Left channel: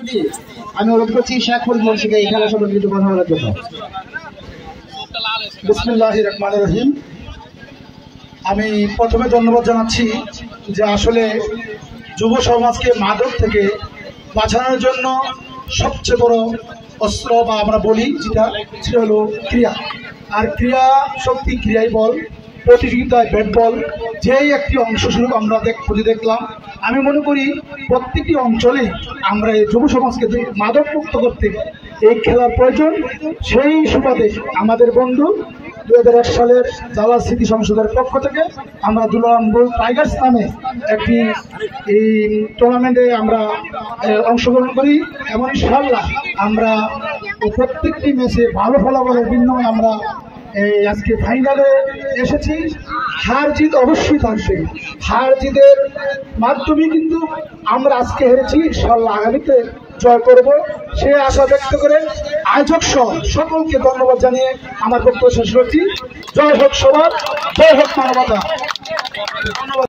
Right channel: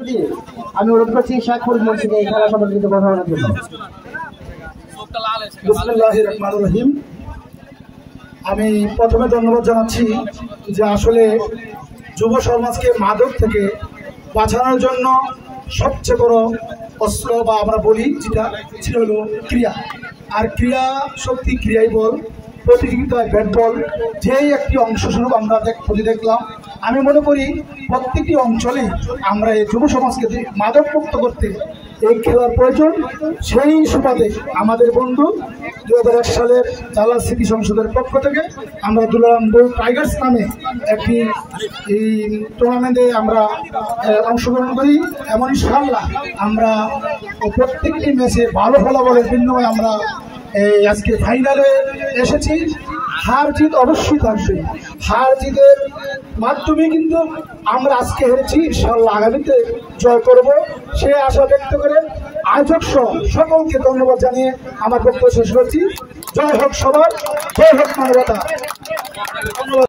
আমি অনুরোধ করছি শেখপুর মসজিদে এই খেলা সম্পর্কিত কথা বলার জন্য। বিসমিল্লাহির রহমানির রহিম। আমি প্রথমে ধন্যবাদ জানাচ্ছি যে আসলে যুব সমাজকে মাদক থেকে বাঁচানোর জন্য সবচেয়ে বড় অস্ত্র বা আমরা বলি যেটা হলো ক্রিয়া। আর ক্রিয়া শক্তি, ক্রিয়াই বল, প্রতিযোগিতায় ব্যাট বল যেই একটি অংশস্বরূপ আমরা দেখলাম। আমি মনে করি প্রত্যেকটি অঞ্চলে আমরা এই যুব সমাজকে মাদক মুক্ত করতে এই খেলার প্রয়োজন। সেই সুবাদে আমাদের বন্ধু 2001 সালের জালা স্মৃতি সংসদের পক্ষ থেকে আমরা দুলারামপুর টাইগার্স নামে একটি এই টুর্নামেন্টে আমরা অংশগ্রহণ করি। এমন ইনশাআল্লাহ আমরা প্রত্যেকটি ম্যাচে ভালো ফলাফলের বিনিময়ে আমরা আজকে ফাইনালে এসেছি। হার জিত অবশ্যই থাকবে, হার জিতের মাধ্যমে কিন্তু আমরা আজকে হেরেছি, ইনশাআল্লাহ আগামীতে জয় করব সে আশা ব্যক্ত করে আয়োজক সহ সকলকে ধন্যবাদ জানিয়ে আমার বক্তব্য শেষ করছি। জয় হোক সবার, জয় হোক মানবতা। ধন্যবাদ।